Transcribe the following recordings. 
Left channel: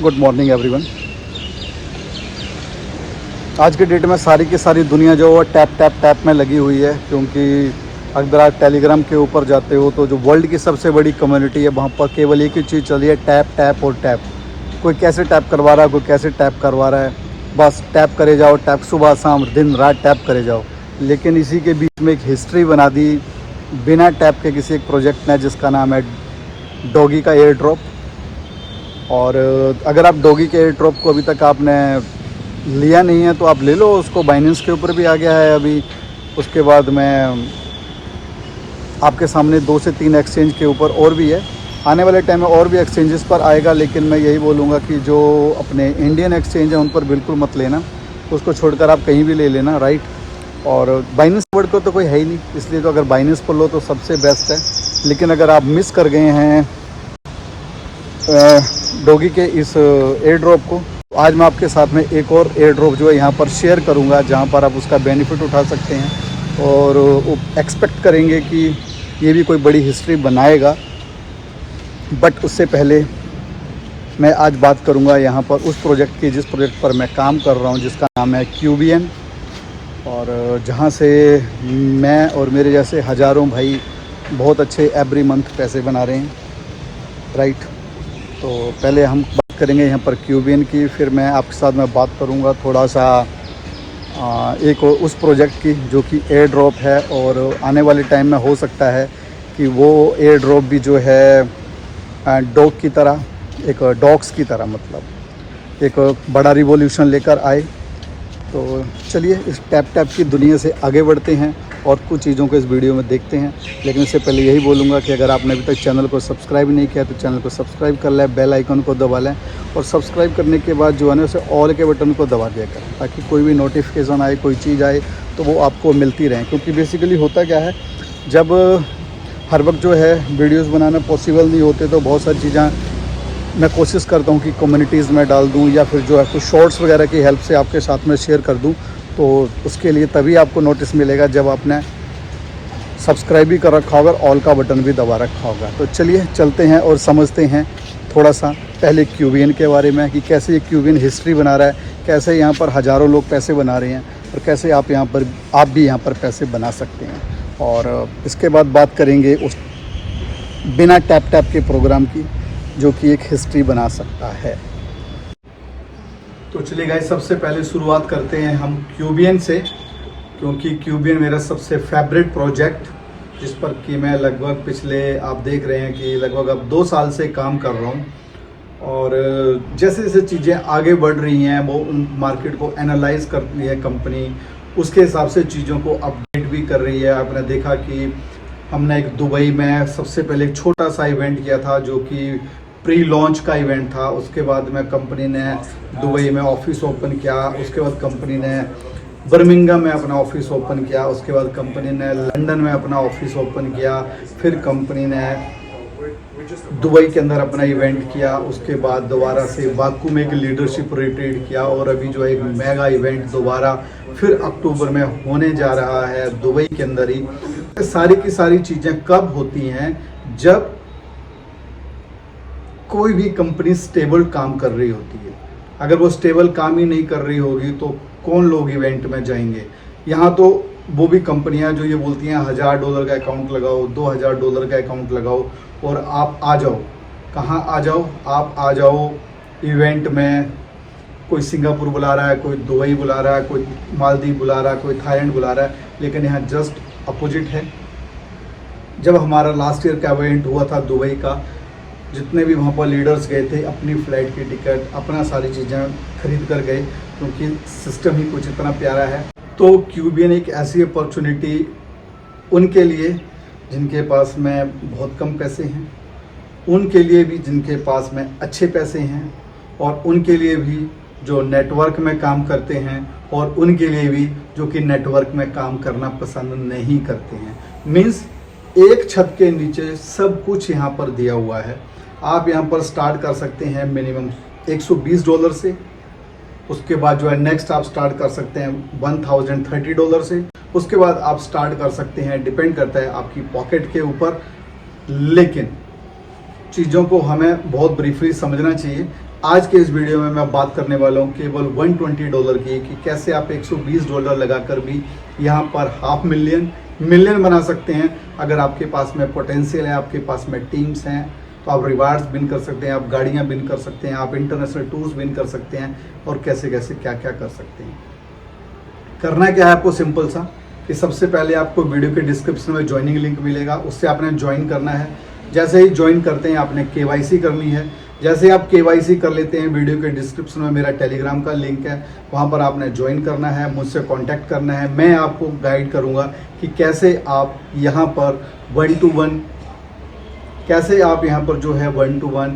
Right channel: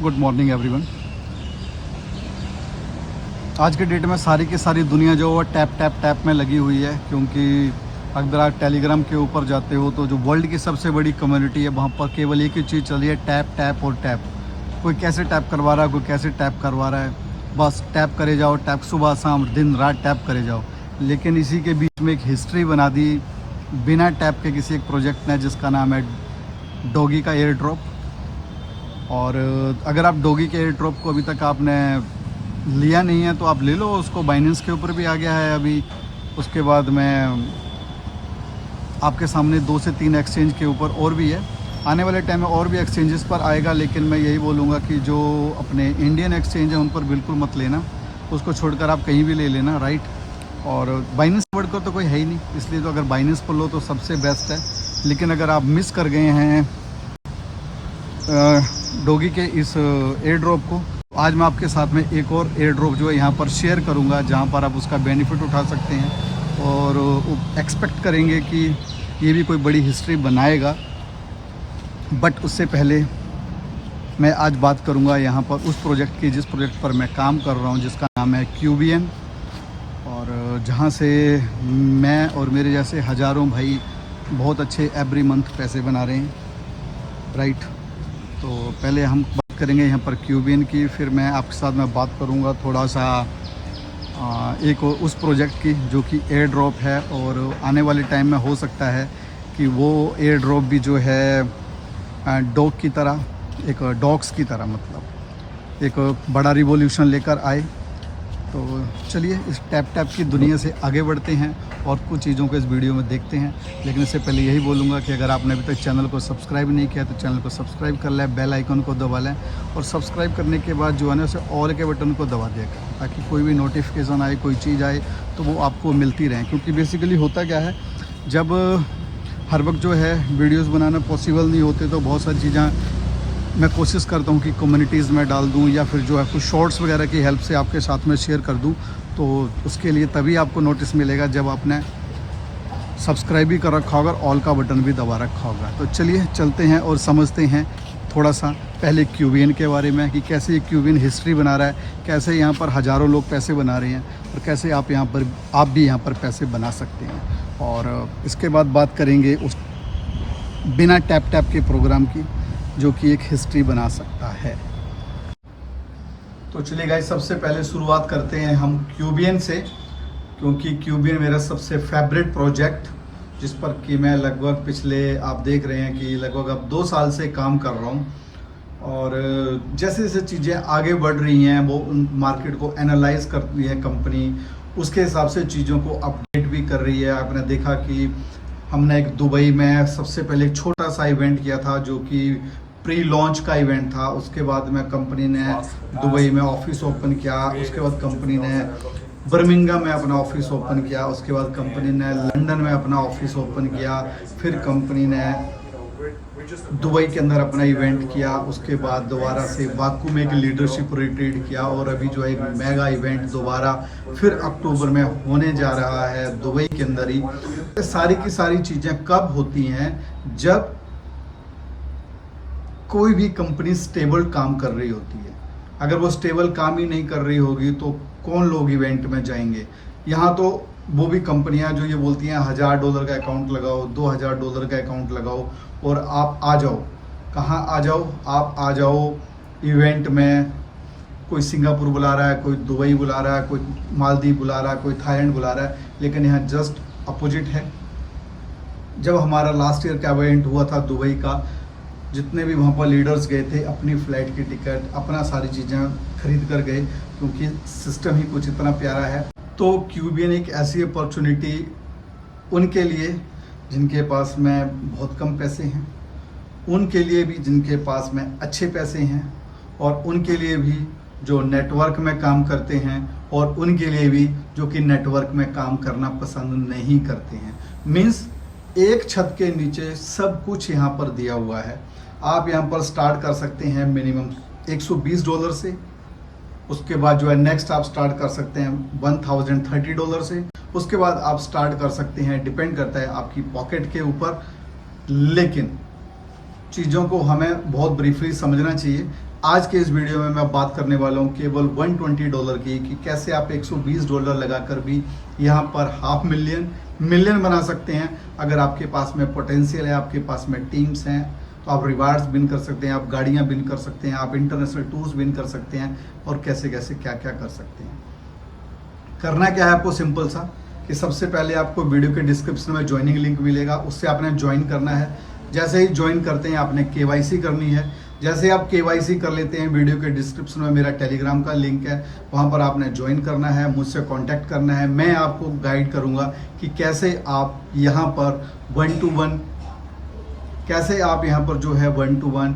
Good morning everyone. आज के date में सारी की सारी दुनिया जो है टैप टैप टैप में लगी हुई है, क्योंकि अगर आप टेलीग्राम के ऊपर जाते हो तो जो वर्ल्ड की सबसे बड़ी कम्युनिटी है वहाँ पर केवल एक ही चीज़ चल रही है, टैप टैप और टैप। कोई कैसे टैप करवा रहा है, कोई कैसे टैप करवा रहा है, बस टैप करे जाओ, टैप सुबह शाम दिन रात टैप करे जाओ। लेकिन इसी के बीच में एक हिस्ट्री बना दी बिना टैप के किसी एक प्रोजेक्ट ने, जिसका नाम है डॉगी का एयर ड्रॉप। और अगर आप डॉगी के एयर ड्रॉप को अभी तक आपने लिया नहीं है तो आप ले लो उसको। बाइनेंस के ऊपर भी आ गया है अभी। उसके बाद में आपके सामने 2 से 3 एक्सचेंज के ऊपर और भी है। आने वाले टाइम में और भी एक्सचेंजेस पर आएगा, लेकिन मैं यही बोलूँगा कि जो अपने इंडियन एक्सचेंज है उन पर बिल्कुल मत लेना, उसको छोड़कर आप कहीं भी ले लेना, राइट। और बाइनेंस वर्ड को तो कोई है ही नहीं, इसलिए तो अगर बाइनेंस पर लो तो सबसे बेस्ट है। लेकिन अगर आप मिस कर गए हैं डॉगी के इस एयर ड्रॉप को, आज मैं आपके साथ में एक और एयर ड्रॉप जो है यहाँ पर शेयर करूँगा, जहाँ पर आप उसका बेनिफिट उठा सकते हैं और एक्सपेक्ट करेंगे कि ये भी कोई बड़ी हिस्ट्री बनाएगा। बट उससे पहले मैं आज बात करूँगा यहाँ पर उस प्रोजेक्ट की जिस प्रोजेक्ट पर मैं काम कर रहा हूँ, जिसका नाम है क्यूबियन, और जहाँ से मैं और मेरे जैसे हज़ारों भाई बहुत अच्छे एवरी मंथ पैसे बना रहे हैं, राइट। तो पहले हम बात करेंगे यहाँ पर क्यूबियन की, फिर मैं आपके साथ में बात करूँगा थोड़ा सा एक उस प्रोजेक्ट की जो कि एयर ड्रॉप है। और आने वाले टाइम में हो सकता है कि वो एयर ड्रॉप भी जो है डॉग की तरह, एक डॉग्स की तरह, मतलब एक बड़ा रिवॉल्यूशन लेकर आए। तो चलिए इस टैप टैप की दुनिया से आगे बढ़ते हैं और कुछ चीज़ों को इस वीडियो में देखते हैं। लेकिन इससे पहले यही बोलूँगा कि अगर आपने अभी तक चैनल को सब्सक्राइब नहीं किया तो चैनल को सब्सक्राइब कर लें, बेल आइकन को दबा लें, और सब्सक्राइब करने के बाद जो है ना उसे ऑल के बटन को दबा दिया करें, ताकि कोई भी नोटिफिकेशन आए, कोई चीज़ आए तो वो आपको मिलती रहे। क्योंकि बेसिकली होता क्या है, जब हर वक्त जो है वीडियोज़ बनाना पॉसिबल नहीं होते तो बहुत सारी चीज़ें मैं कोशिश करता हूँ कि कम्युनिटीज़ में डाल दूँ, या फिर जो है कुछ शॉर्ट्स वगैरह की हेल्प से आपके साथ में शेयर कर दूँ। तो उसके लिए तभी आपको नोटिस मिलेगा जब आपने सब्सक्राइब भी कर रखा होगा, ऑल का बटन भी दबा रखा होगा। तो चलिए चलते हैं और समझते हैं थोड़ा सा पहले क्यूबियन के बारे में, कि कैसे ये क्यूबियन हिस्ट्री बना रहा है, कैसे यहाँ पर हज़ारों लोग पैसे बना रहे हैं, और कैसे आप भी यहाँ पर पैसे बना सकते हैं। और इसके बाद बात करेंगे उस बिना टैप टैप के प्रोग्राम की, जो कि एक हिस्ट्री बना सकता है। तो चलिए गाइस, सबसे पहले शुरुआत करते हैं हम क्यूबियन से, क्योंकि क्यूबियन मेरा सबसे फेवरेट प्रोजेक्ट, जिस पर कि मैं लगभग पिछले, आप देख रहे हैं कि लगभग अब 2 साल से काम कर रहा हूँ। और जैसे जैसे चीज़ें आगे बढ़ रही हैं, वो मार्केट को एनालाइज कर रही है कंपनी, उसके हिसाब से चीज़ों को अपडेट भी कर रही है। आपने देखा कि हमने एक दुबई में सबसे पहले एक छोटा सा इवेंट किया था, जो कि प्री लॉन्च का इवेंट था। उसके बाद में कंपनी ने दुबई में ऑफिस ओपन किया, उसके बाद कंपनी ने बर्मिंघम में अपना ऑफिस ओपन किया, उसके बाद कंपनी ने लंदन में अपना ऑफिस ओपन किया, फिर कंपनी ने दुबई के अंदर अपना इवेंट किया, उसके बाद दोबारा से बाकू में एक लीडरशिप रिट्रीट किया, और अभी जो है एक मेगा इवेंट दोबारा फिर अक्टूबर में होने जा रहा है दुबई के अंदर ही। सारी की सारी चीज़ें कब होती हैं, जब कोई भी कंपनी स्टेबल काम कर रही होती है। अगर वो स्टेबल काम ही नहीं कर रही होगी तो कौन लोग इवेंट में जाएंगे। यहाँ तो वो भी कंपनियां जो ये बोलती हैं $1000 का अकाउंट लगाओ, $2000 का अकाउंट लगाओ और आप आ जाओ। कहाँ आ जाओ? आप आ जाओ इवेंट में। कोई सिंगापुर बुला रहा है, कोई दुबई बुला रहा है, कोई मालदीव बुला रहा है, कोई थाईलैंड बुला रहा है, लेकिन यहाँ जस्ट अपोजिट है। जब हमारा लास्ट ईयर का इवेंट हुआ था दुबई का, जितने भी वहाँ पर लीडर्स गए थे, अपनी फ़्लाइट की टिकट, अपना सारी चीज़ें खरीद कर गए, क्योंकि सिस्टम ही कुछ इतना प्यारा है। तो क्यूबियन एक ऐसी अपॉर्चुनिटी उनके लिए जिनके पास में बहुत कम पैसे हैं, उनके लिए भी जिनके पास में अच्छे पैसे हैं, और उनके लिए भी जो नेटवर्क में काम करते हैं, और उनके लिए भी जो कि नेटवर्क में काम करना पसंद नहीं करते हैं। मीन्स एक छत के नीचे सब कुछ यहाँ पर दिया हुआ है। आप यहाँ पर स्टार्ट कर सकते हैं मिनिमम $120 से। उसके बाद जो है नेक्स्ट आप स्टार्ट कर सकते हैं $1030 से। उसके बाद आप स्टार्ट कर सकते हैं, डिपेंड करता है आपकी पॉकेट के ऊपर। लेकिन चीज़ों को हमें बहुत ब्रीफली समझना चाहिए। आज के इस वीडियो में मैं बात करने वाला हूँ केवल $120 की, कि कैसे आप $120 लगाकर भी यहाँ पर $500,000 मिलियन बना सकते हैं। अगर आपके पास में पोटेंशियल है, आपके पास में टीम्स हैं, तो आप रिवार्ड्स विन कर सकते हैं, आप गाड़ियाँ विन कर सकते हैं, आप इंटरनेशनल टूर्स विन कर सकते हैं, और कैसे कैसे क्या क्या कर सकते हैं। करना क्या है आपको, सिंपल सा, कि सबसे पहले आपको वीडियो के डिस्क्रिप्शन में ज्वाइनिंग लिंक मिलेगा, उससे आपने ज्वाइन करना है। जैसे ही ज्वाइन करते हैं आपने KYC करनी है। जैसे आप KYC कर लेते हैं, वीडियो के डिस्क्रिप्शन में मेरा टेलीग्राम का लिंक है, वहाँ पर आपने ज्वाइन करना है, मुझसे कांटेक्ट करना है। मैं आपको गाइड करूँगा कि कैसे आप यहाँ पर 1-to-1 कैसे आप यहाँ पर जो है 1-to-1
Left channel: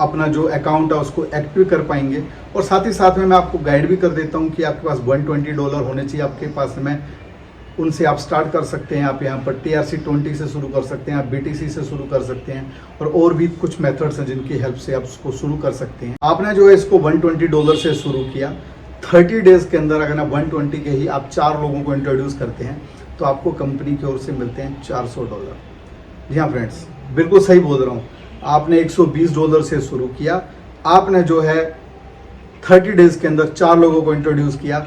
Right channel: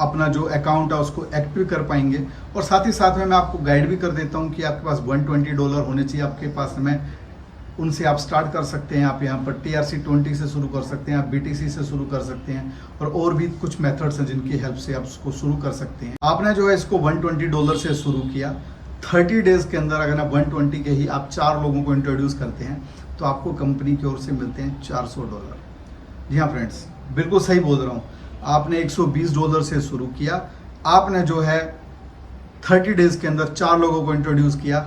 अपना जो अकाउंट है उसको एक्टिव कर पाएंगे। और साथ ही साथ में मैं आपको गाइड भी कर देता हूँ कि आपके पास $120 होने चाहिए आपके पास में, उनसे आप स्टार्ट कर सकते हैं। आप यहाँ पर TRC20 से शुरू कर सकते हैं, आप BTC से शुरू कर सकते हैं, और भी कुछ मेथड्स हैं जिनकी हेल्प से आप उसको शुरू कर सकते हैं। आपने जो है इसको $120 से शुरू किया, 30 डेज के अंदर अगर आप 120 के ही आप 4 लोगों को इंट्रोड्यूस करते हैं तो आपको कंपनी की ओर से मिलते हैं $400। जी हाँ फ्रेंड्स, बिल्कुल सही बोल रहा हूँ। आपने $120 से शुरू किया, आपने जो है 30 डेज के अंदर 4 लोगों को इंट्रोड्यूस किया,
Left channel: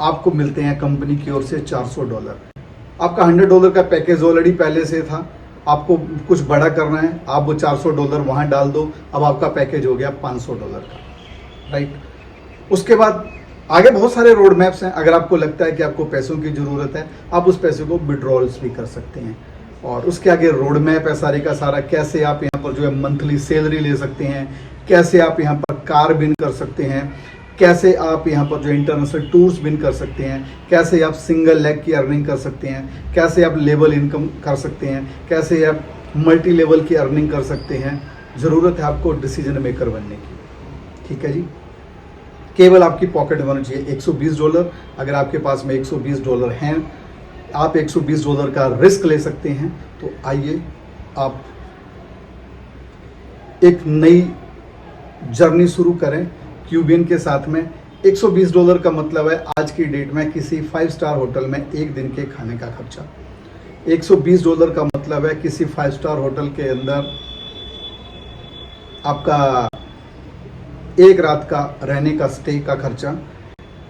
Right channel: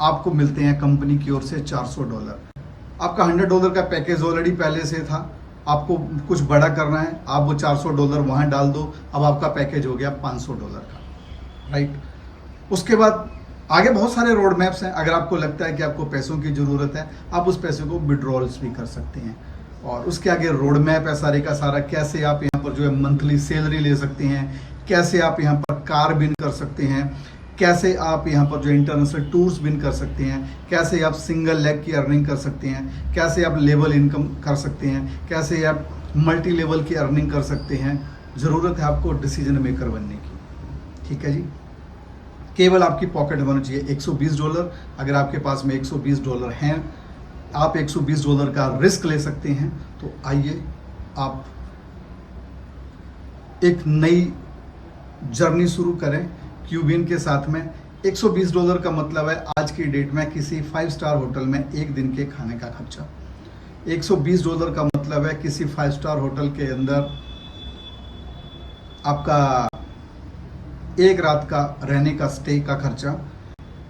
आपको मिलते हैं कंपनी की ओर से $400। आपका $100 का पैकेज ऑलरेडी पहले से था, आपको कुछ बड़ा करना है, आप वो $400 वहाँ डाल दो, अब आपका पैकेज हो गया $500 का, राइट। उसके बाद आगे बहुत सारे रोड मैप्स हैं। अगर आपको लगता है कि आपको पैसों की ज़रूरत है, आप उस पैसे को विड्रॉल्स भी कर सकते हैं। और उसके आगे रोड मैप है सारे का सारा, कैसे आप यहाँ पर जो है मंथली सैलरी ले सकते हैं, कैसे आप यहाँ पर कार विन कर सकते हैं, कैसे आप यहाँ पर जो इंटरनेशनल टूर्स विन कर सकते हैं, कैसे आप सिंगल लेग की अर्निंग कर सकते हैं, कैसे आप लेवल इनकम कर सकते हैं, कैसे आप मल्टी लेवल की अर्निंग कर सकते हैं। ज़रूरत है आपको डिसीजन मेकर बनने की, ठीक है जी। केवल आपकी पॉकेट में होना चाहिए $120। अगर आपके पास में $120 हैं, आप $120 का रिस्क ले सकते हैं, तो आइए आप एक नई जर्नी शुरू करें क्यूबियन के साथ में। $120 का मतलब है आज की डेट में किसी 5 स्टार होटल में एक दिन के खाने का खर्चा। $120 का मतलब है किसी 5 स्टार होटल के अंदर आपका एक रात का रहने का स्टे का खर्चा।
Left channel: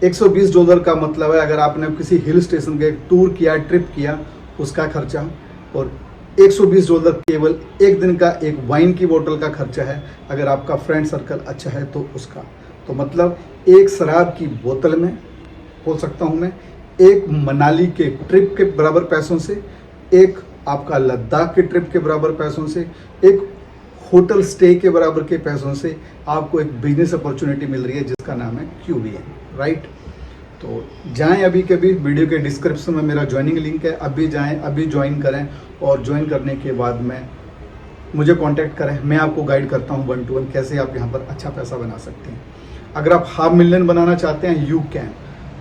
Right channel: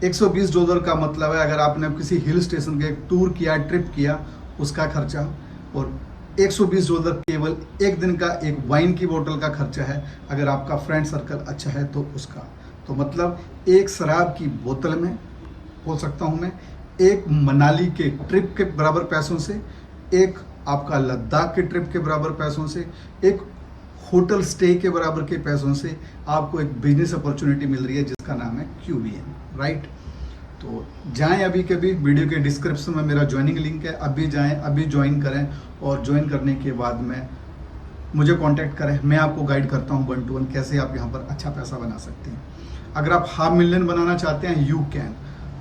$120 का मतलब है अगर आपने किसी हिल स्टेशन का टूर किया, ट्रिप किया, उसका खर्चा। और $120 केवल एक दिन का एक वाइन की बोतल का खर्चा है। अगर आपका फ्रेंड सर्कल अच्छा है तो उसका, तो मतलब एक शराब की बोतल में बोल सकता हूँ मैं, एक मनाली के ट्रिप के बराबर पैसों से, एक आपका लद्दाख के ट्रिप के बराबर पैसों से, एक होटल स्टे के बराबर के पैसों से आपको एक बिजनेस अपॉर्चुनिटी मिल रही है जिसका नाम है क्यूबियन, राइट। तो जाएं अभी के भी, वीडियो के डिस्क्रिप्शन में मेरा ज्वाइनिंग लिंक है, अभी जाएं, अभी ज्वाइन करें, और ज्वाइन करने के बाद में मुझे कांटेक्ट करें। मैं आपको गाइड करता हूं 1-to-1 कैसे आप यहां पर अच्छा पैसा बना सकते हैं। अगर आप $500,000 बनाना चाहते हैं, यू कैन।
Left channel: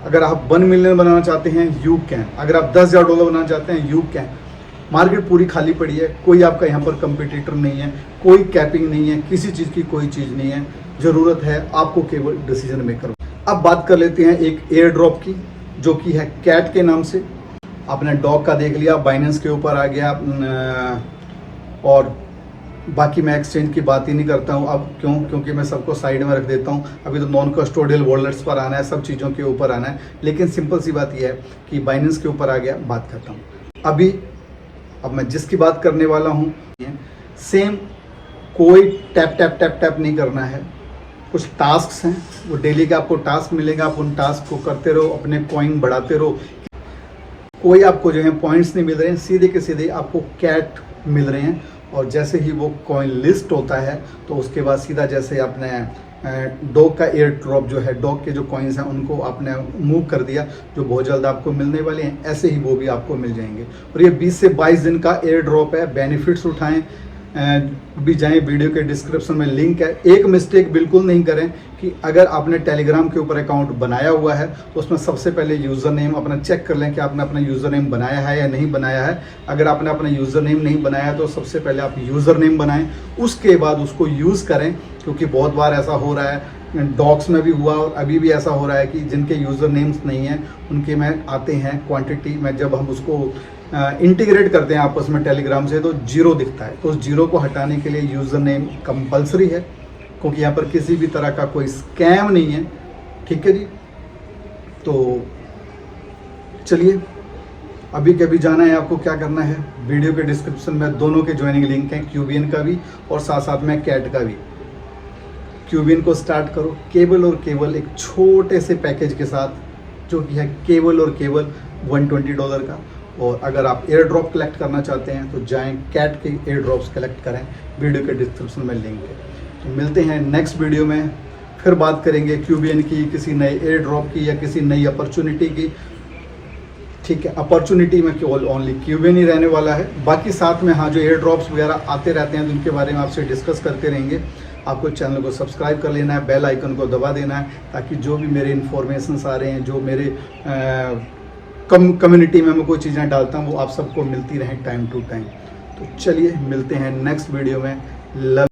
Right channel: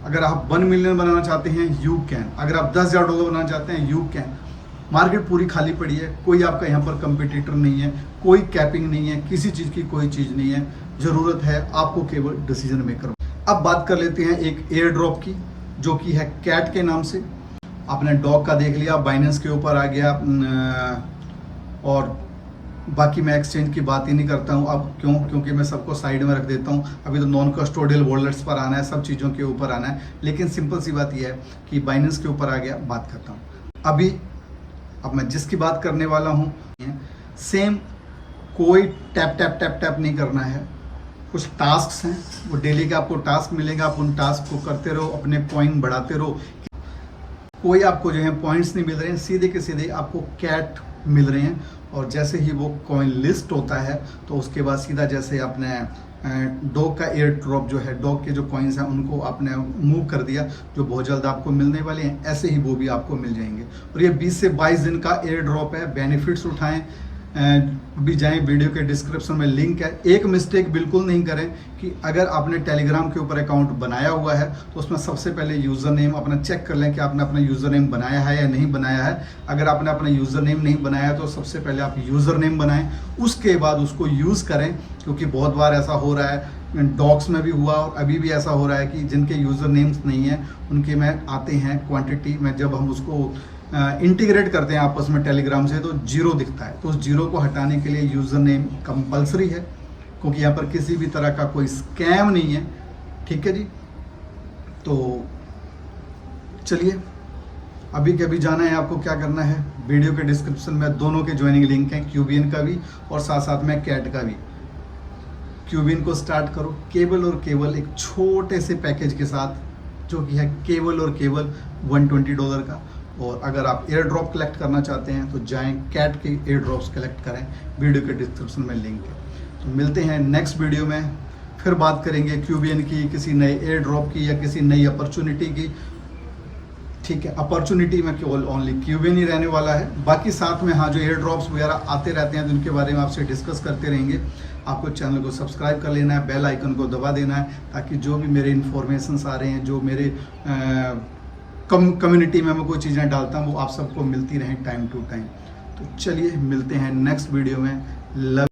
अगर आप $1 मिलियन बनाना चाहते हैं, यू कैन। अगर आप $10,000 बनाना चाहते हैं, यू कैन। मार्केट पूरी खाली पड़ी है, कोई आपका यहाँ पर कंपटीटर नहीं है, कोई कैपिंग नहीं है, किसी चीज़ की कोई चीज़ नहीं है। ज़रूरत है आपको केवल डिसीजन मेकर। अब बात कर लेते हैं एक एयर ड्रॉप की, जो कि है कैट के नाम से। आपने डॉग का देख लिया, बाइनेंस के ऊपर आ गया, और बाकी मैं एक्सचेंज की बात ही नहीं करता हूँ अब। क्योंकि मैं सबको साइड में रख देता हूँ। अभी तो नॉन कस्टोडियल वॉलेट्स पर आना है, सब चीज़ों के ऊपर आना है। लेकिन सिंपल सी बात यह है कि बाइनेंस के ऊपर आ गया, बात करता हूँ। अब मैं जिसकी बात करने वाला हूँ, सेम कोई टैप टैप टैप टैप नहीं करना है। कुछ टास्क्स हैं, वो डेली का आपको टास्क मिलेगा, आप उन टास्क को करते रहो, अपने कॉइन बढ़ाते रहो। कोई आपको जो है पॉइंट्स नहीं मिल रहे हैं, सीधे के सीधे आपको कैट मिल रहे हैं। और जैसे ही वो कॉइन लिस्ट होता है तो उसके बाद सीधा जैसे आपने डॉग का एयर ड्रॉप जो है, डॉग के जो कॉइन्स हैं उनको आपने मूव कर दिया, जो बहुत जल्द आपको मिलने वाले हैं, ऐसे ही वो भी आपको मिल जाएंगे। और ये 20 से 22 दिन का एयर ड्रॉप है। बेनिफिट्स उठाएं, भी जाएं, वीडियो के डिस्क्रिप्शन में लिंक है। एक मिस्टेक बिल्कुल नहीं करें कि अगर आपने टेलीग्राम के ऊपर अकाउंट बनाया हुआ है तो उसमें सबसे पहले यूज़र नेम अपना चेक कर लें कि आपने अपना यूज़र नेम बनाया है या नहीं बनाया है। अगर आपने अपना यूज़र नेम नहीं बनाया है तो सबसे पहले आप यूज़र नेम बनाएं, उसके बाद उसको यूज़ करें। क्योंकि बहुत बार ऐसा हो रहा है, डॉग्स में भी हुआ और अभी भी ऐसा हो रहा है कि जिनके यूज़र नेम्स नहीं हैं उनके में आते हैं क्वांटिटी में, जब हम उसको इंटीग्रेट करते हैं आपस में टेलीग्राम से तो जीरो दिखता है। तो उस जीरो को हटाने के लिए यूज़र नेम कंपलसरी है, क्योंकि यहाँ पर किसी भी तरह का कोई स्कैम नहीं है। ठीक है जी, तो चलिए अभी कभी जाना है आपको, क्या करना है, वीडियो के डिस्क्रिप्शन में दोनों के ज्वाइनिंग लिंक हैं, क्यूबियन का भी और साथ साथ में कैट का भी। क्यूबियन को स्टार्ट करो केवल और केवल एक छोटे से पैकेज के साथ, जो कि है केवल और केवल $120 का। और अगर आप एयर ड्रॉप कलेक्ट करना चाहते हैं तो जाएं कैट के एयर ड्रॉप्स कलेक्ट करें, वीडियो के डिस्क्रिप्शन में लिंक है। तो मिलते हैं नेक्स्ट वीडियो में, फिर बात करेंगे क्यूबियन की, किसी नए एयर ड्रॉप की या किसी नई अपॉर्चुनिटी की। ठीक है, अपॉर्चुनिटी में केवल ओनली क्यूबियन ही रहने वाला है, बाकी साथ में हाँ जो एयर ड्रॉप्स वगैरह आते रहते हैं तो उनके बारे में आपसे डिस्कस करते रहेंगे। आपको चैनल को सब्सक्राइब कर लेना है, बेल आइकन को दबा देना है, ताकि जो भी मेरे इन्फॉर्मेशंस आ रहे हैं, जो मेरे कम्युनिटी में मैं कोई चीज़ें डालता हूँ वो आप सबको मिलती रहें टाइम टू टाइम। तो चलिए मिलते हैं नेक्स्ट वीडियो में। लव